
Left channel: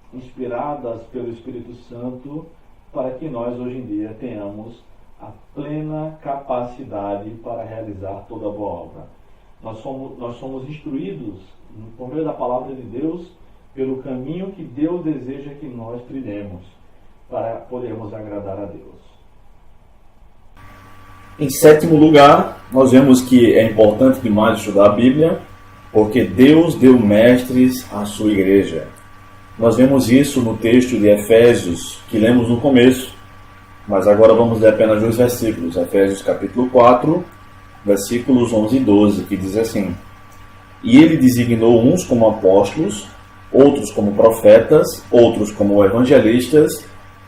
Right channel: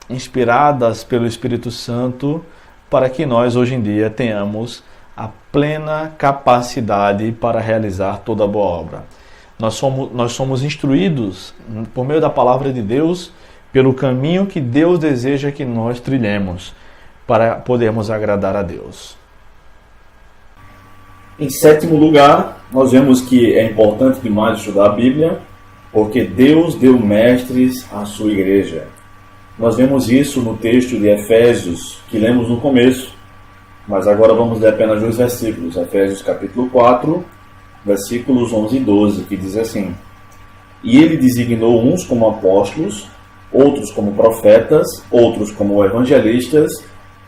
inspiradas pelo Espírito Santo para que nós hoje em dia tenhamos a plena capacidade para realizar toda boa obra. Nós somos instruídos por meio da palavra de Deus pelo caminho que Deus deseja que nós trilhemos para podermos agradar a Deus. Em sétimo lugar, nós vemos que é importante demais estudar a Bíblia, porque Deus deu mestres à sua igreja. Nós vemos isso no texto de Efésios, que lemos no começo, mas agora vamos ler apenas 2 versículos. Efésios capítulo 4, versículos 11 e 12, que diz assim: e ele designou uns como apóstolos, outros como profetas, outros como evangelistas,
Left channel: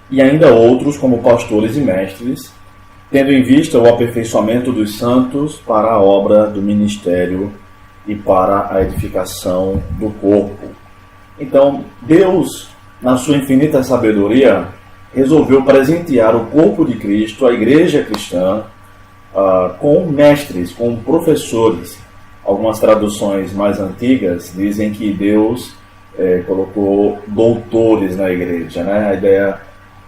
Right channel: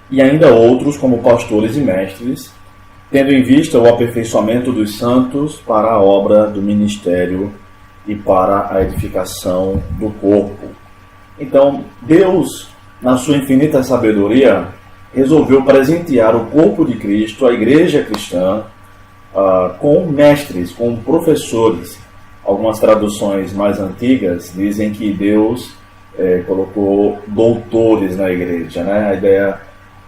e ainda outros como pastores e mestres, tendo em vista o aperfeiçoamento dos santos para a obra do ministério e para a edificação do corpo. Então, Deus, na sua infinita sabedoria, resolveu presentear o corpo de Cristo, a igreja cristã, com mestres, com professores. Algumas traduções mais antigas dizem que Deus colocou doutores na igreja, né? A ideia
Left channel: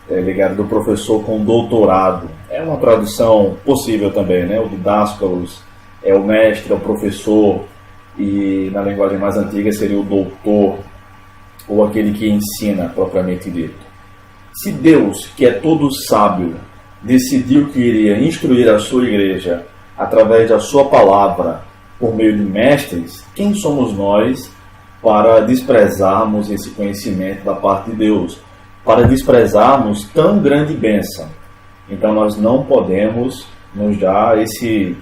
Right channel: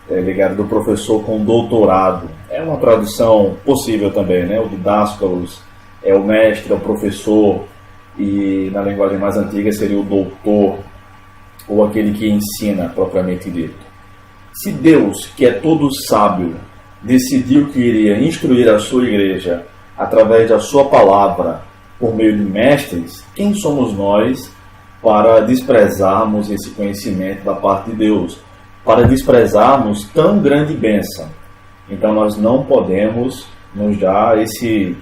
é ligada do professor com doutorado. É uma tradução possível também, né? O didáscalos é o mestre, é o professor, e na linguagem mais antiga seria o doutor, ou aquele que ensina, propriamente dito. Se Deus, que é todo sábio, decidiu que iria instruir a sua igreja através da sua palavra, por meio de mestres, quem somos nós para desprezarmos esse conhecimento da parte de Deus, para desprezarmos tão grande bênção? Então nós não podemos nos dar esse,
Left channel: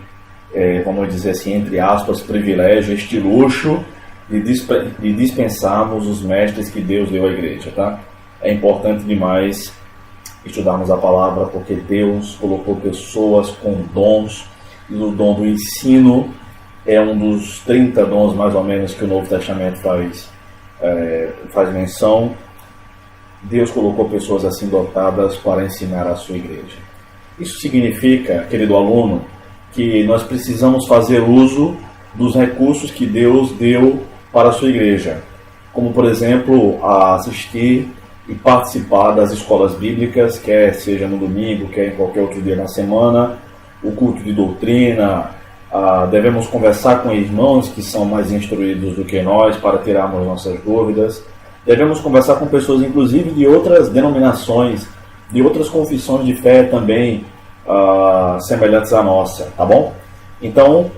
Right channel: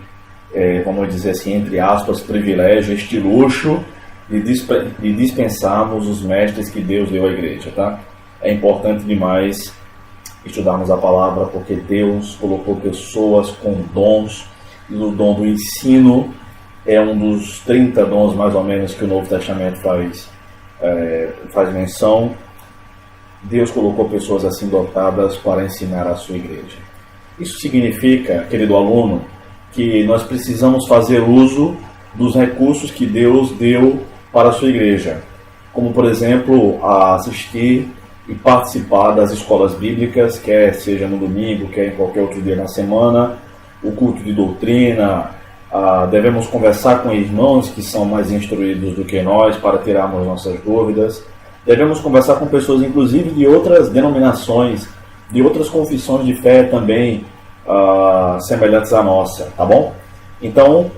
vamos dizer assim, entre aspas, privilégio, este luxo de dispensarmos os mestres que Deus deu à igreja, tá? É importante demais estudarmos a palavra, porque Deus colocou pessoas com dons, e o dom do ensino é um dos 30 dons, mais ou menos, que o Novo Testamento faz menção. Deus colocou pessoas assim dotadas para ensinar a sua igreja. Isso significa, querido aluno, que nós precisamos fazer uso dos recursos que Deus deu para a sua igreja, como, por exemplo, assistir e participar das escolas bíblicas, quer seja no domingo, quer em qualquer outro dia na semana, o culto de doutrina. Devemos conversar com irmãos que são mais instruídos do que nós para tirarmos nossas dúvidas. Devemos conversar com pessoas, inclusive, de outras denominações, de outras confissões de fé também semelhantes à nossa, tá bom? Então,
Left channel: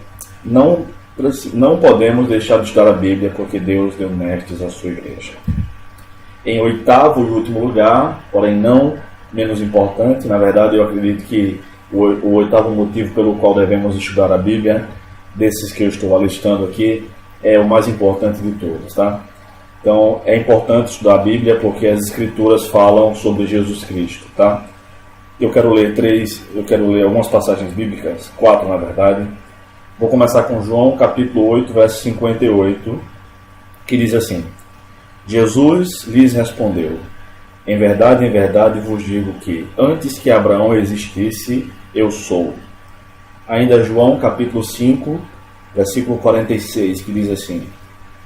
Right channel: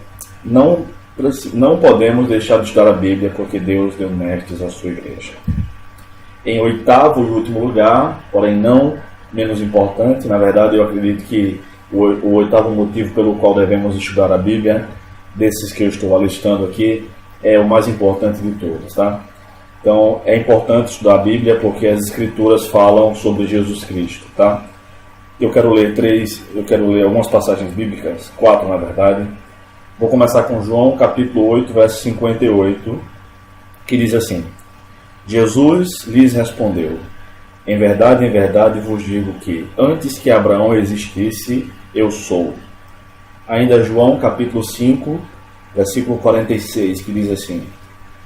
não podemos deixar de estudar a Bíblia, porque Deus deu mestres à sua igreja. Em oitavo e último lugar, porém não menos importante, na verdade eu acredito que o oitavo motivo pelo qual devemos estudar a Bíblia, desses que eu estou alistando aqui, é o mais importante de todos, tá? Então, é importante estudar a Bíblia porque as Escrituras falam sobre Jesus Cristo, tá? Eu quero ler algumas passagens bíblicas, 4 na verdade. Vou começar com João, capítulo 8, verso 58, que diz assim: Jesus lhes respondeu: em verdade vos digo que, antes que Abraão existisse, eu sou. Ainda João, capítulo 5, versículo 46, que diz assim:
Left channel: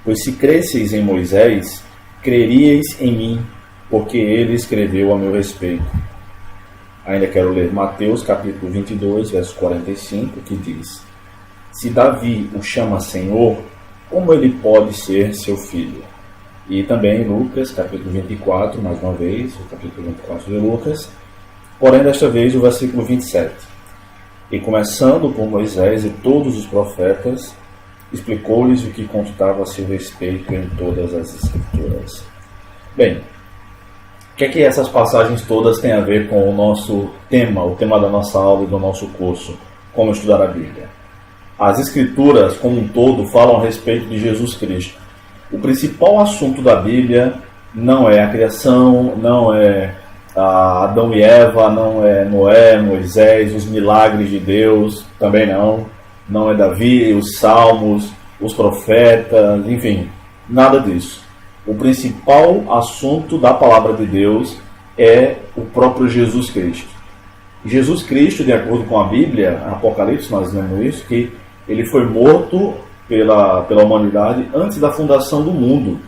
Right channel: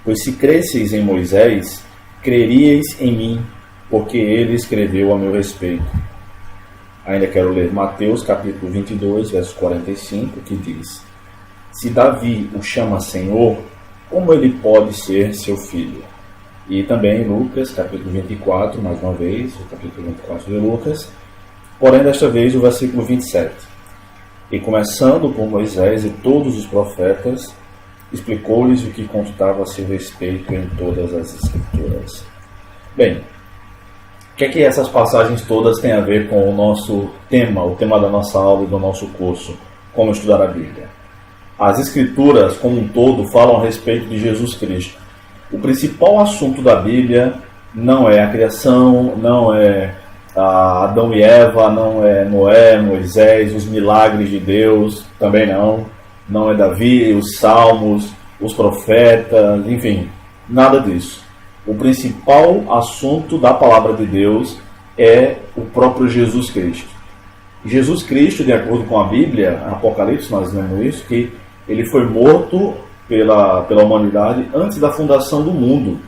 pois se cresceis em Moisés, creríeis em mim, porque ele escreveu a meu respeito. Ainda quero ler Mateus, capítulo 22, verso 45, que diz: se Davi o chama Senhor, como ele pode ser seu filho? E também Lucas, capítulo 24, mais uma vez, o capítulo 24 de Lucas, porém desta vez o versículo 27. E começando por Moisés e todos os profetas, explicou-lhes o que constava a seu respeito em todas as Escrituras. Bem, o que é que essas passagens todas têm a ver com o nosso tema, o tema da nossa aula e do nosso curso, como estudar a Bíblia? as Escrituras, como um todo, falam a respeito de Jesus Cristo. O principal assunto da Bíblia não é a criação, não é Adão e Eva, não é Noé, Moisés, os milagres de Deus, também não é Davi, os salmos, os profetas, enfim, nada disso. O principal assunto da palavra de Deus é o próprio Jesus Cristo. Jesus Cristo, de acordo com a Bíblia, Apocalipse, nós lemos isso, que ele foi morto pela humanidade antes da fundação do mundo.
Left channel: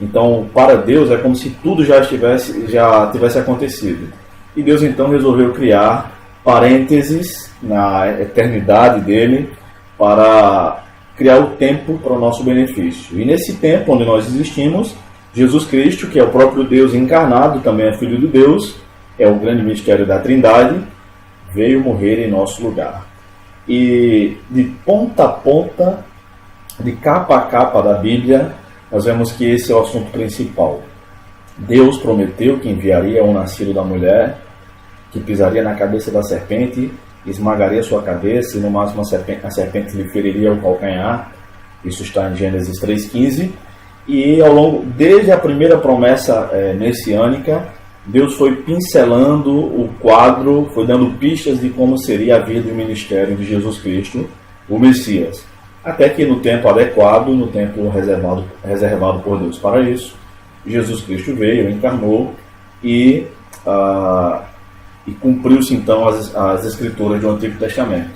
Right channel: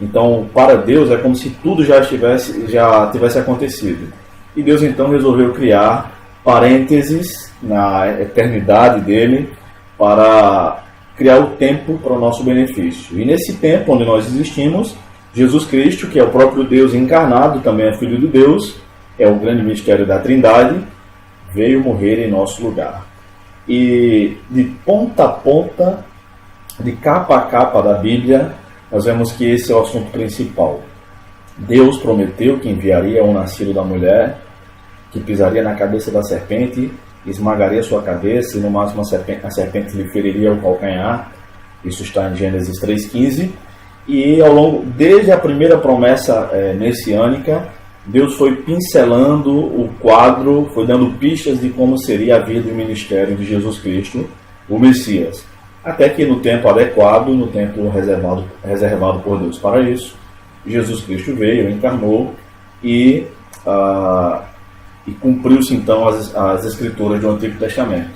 Então, para Deus, é como se tudo já tivesse acontecido. E Deus, então, resolveu criar parênteses na eternidade dele para criar o tempo para o nosso benefício. E nesse tempo onde nós existimos, Jesus Cristo, que é o próprio Deus encarnado, também é Filho de Deus, é o grande mistério da Trindade, veio morrer em nosso lugar. E de ponta a ponta, de capa a capa da Bíblia, nós vemos que esse é o assunto principal. Deus prometeu que enviaria um nascido da mulher, que pisaria na cabeça da serpente, esmagaria sua cabeça e no máximo a serpente lhe feriria o calcanhar. Isso está em Gênesis 3,15. E ao longo, desde a primeira promessa messiânica, Deus foi pincelando o quadro, foi dando pistas de como seria a vida e o ministério de Jesus Cristo, o Messias. Até que no tempo adequado, no tempo reservado por Deus para isso, Jesus Cristo veio, encarnou e cumpriu-se então as escrituras do Antigo Testamento.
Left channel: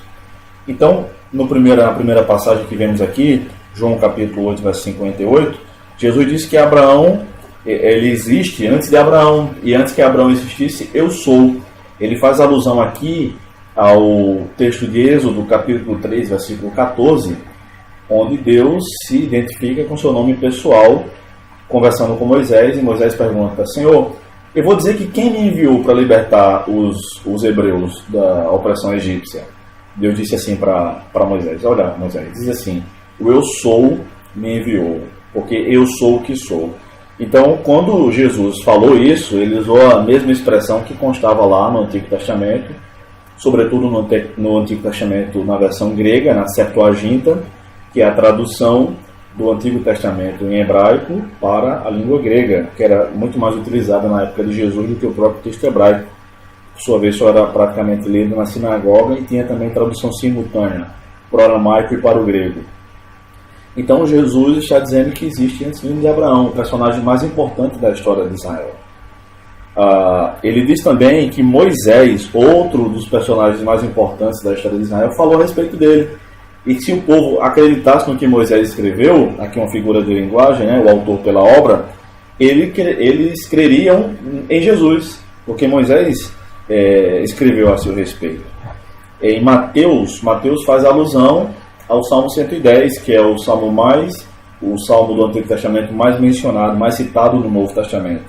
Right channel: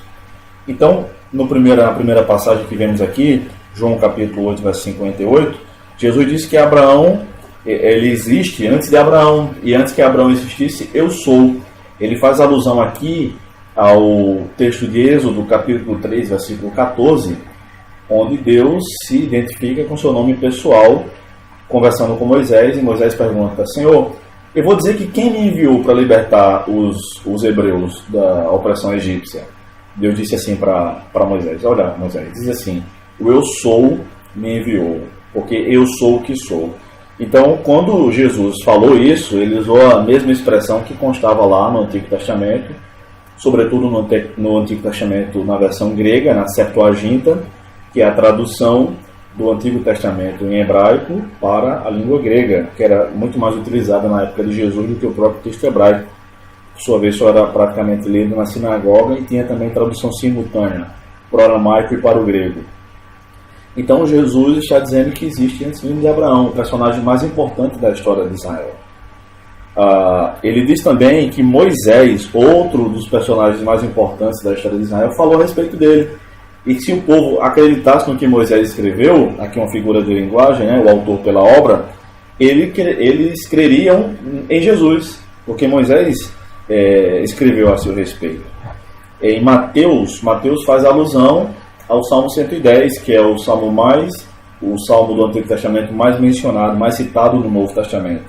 Então, na primeira passagem que vemos aqui, João capítulo 8, verso 58, Jesus disse que Abraão, ele existe antes de Abraão, e antes que Abraão existisse, eu sou. Ele faz alusão aqui ao texto de Êxodo, capítulo 3, versículo 14, onde Deus se identifica com seu nome pessoal, conversando com Moisés, e Moisés pergunta: Senhor, eu vou dizer que quem me enviou para libertar os hebreus da opressão egípcia? Deus disse assim para Moisés: olha, Moisés, diz assim, o eu sou me enviou, porque eu sou o que sou. Então, quando Jesus falou isso, ele usou a mesma expressão que constava lá no Antigo Testamento, sobretudo no Antigo Testamento na versão grega, na Septuaginta, que é a tradução do Antigo Testamento em hebraico para a língua grega, que era muito mais utilizada na época de Jesus do que o próprio texto hebraico. Por sua vez, só era praticamente lido na sinagoga e tinha também tradução simultânea para o aramaico e para o grego. Então Jesus está dizendo que existe antes de Abraão, o personagem mais importante da história de Israel. Ele diz também que Moisés, outro dos personagens mais importantes da história de Israel, falou a respeito dele. E se o povo acreditasse no que Moisés escreveu, aqui uma figura de linguagem, né, o autor pela obra, eles creriam em Jesus, porque Moisés escreveu a seu respeito. Em Mateus faz alusão ao Salmo 110, que é o salmo do Antigo Testamento mais mencionado, mais citado no Novo Testamento,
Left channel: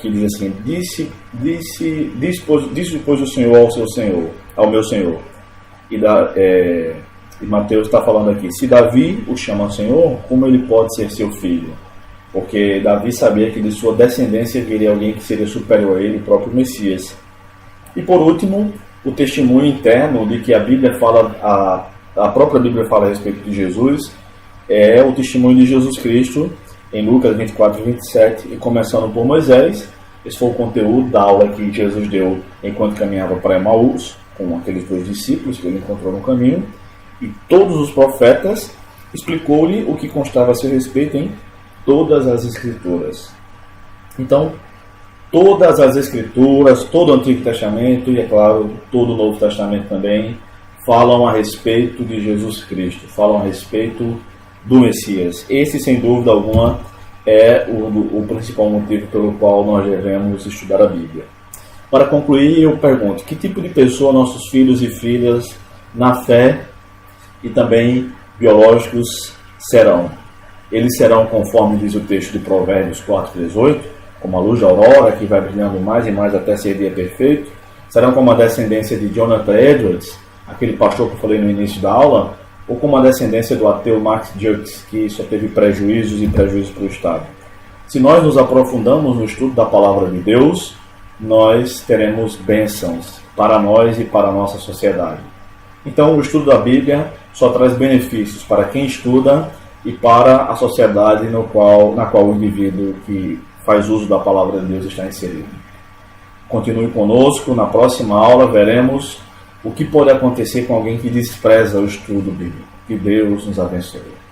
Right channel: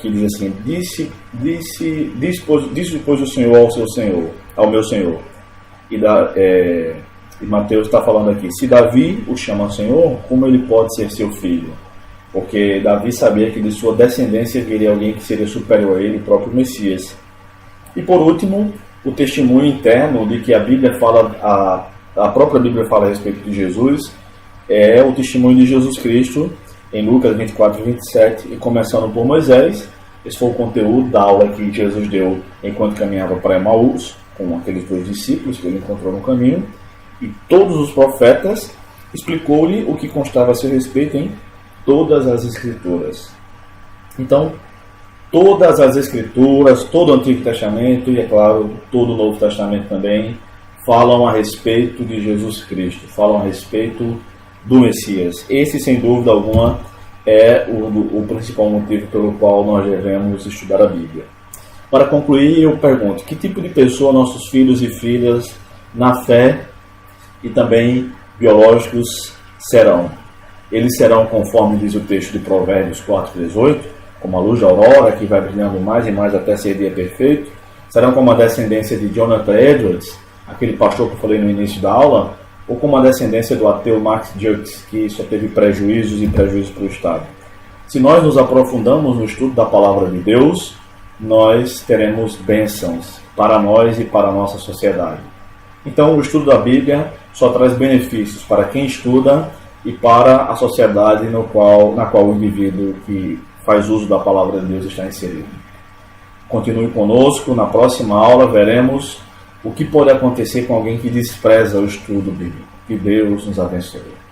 que diz assim: Disse pois o Senhor ao meu Senhor. E Mateus está falando aqui: se Davi o chama Senhor, como ele pode ser seu filho? Porque Davi sabia que de sua descendência viria alguém que seria superior a ele, o próprio Messias. E por último, o testemunho interno de que a Bíblia fala, a própria Bíblia fala a respeito de Jesus, é o testemunho de Jesus Cristo em Lucas 24 e 27, e começando por Moisés. Esse foi o conteúdo da aula que Jesus deu enquanto caminhava para Emaús, com aqueles 2 discípulos que ele encontrou no caminho, e todos os profetas, explicou-lhe o que constava a seu respeito em todas as Escrituras. Então, todas as Escrituras, todo o Antigo Testamento e, é claro, todo o Novo Testamento também, falam a respeito de Jesus Cristo, falam a respeito do Messias. Esse, sem dúvida alguma, é o principal motivo pelo qual nós devemos estudar a Bíblia. Para concluir, eu pergunto: que tipo de pessoa nossos filhos e filhas na fé e também biológicos serão? Eles serão, conforme diz o texto de Provérbios 4:18, como a luz da aurora que vai brilhando mais e mais até ser dia perfeito? Serão como a descendência de Jonathan Edwards, aquele pastor que eu falei no início da aula, ou como a descendência do ateu Max Jukes, que só teve prejuízos para o Estado? Se nós nos aprofundamos no estudo da palavra de Deus, nós teremos bênçãos para nós e para a nossa sociedade. Então, o estudo da Bíblia só traz benefícios para quem estuda e para a sociedade na qual o indivíduo que faz uso da palavra de Deus está inserido. Continue conosco, na próxima aula veremos o que pode acontecer com alguém que despreza o estudo bíblico. Que Deus nos abençoe.